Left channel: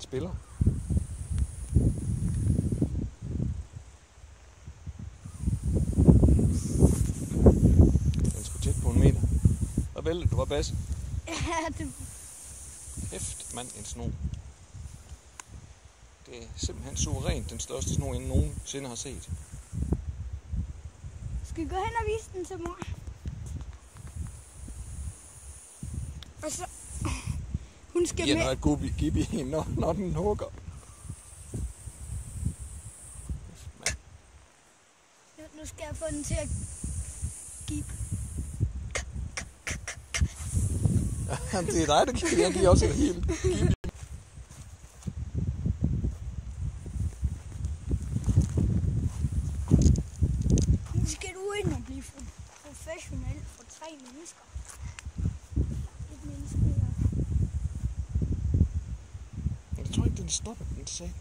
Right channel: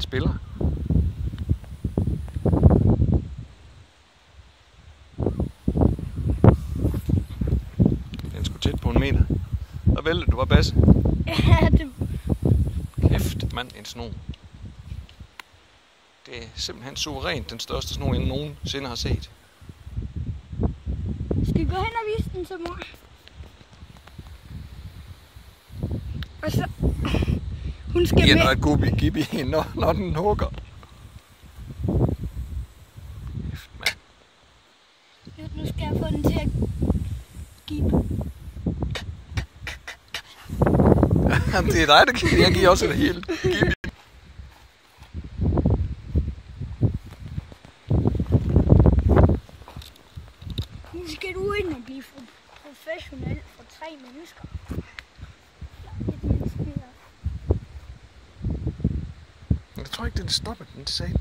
spiller. Den skulle tæt på 1 meter. Der væltede du, var Basse. Ja, det... Kæft, mand, en sno. Det er simpelthen suverænt den største sno, jeg nogensinde har set. Skal vi gå hen og vise den til mor? Og så... Hun skal med. med... Noget gubbi-gibbi, når den hugger. Nu skal jeg få den til at give. Det er dig, der giver. Jeg giver også det hele. Gibbi. Nu skal du ind og blive professionel for 3 mennesker. Jeg tror ikke, den stopper, den sagde.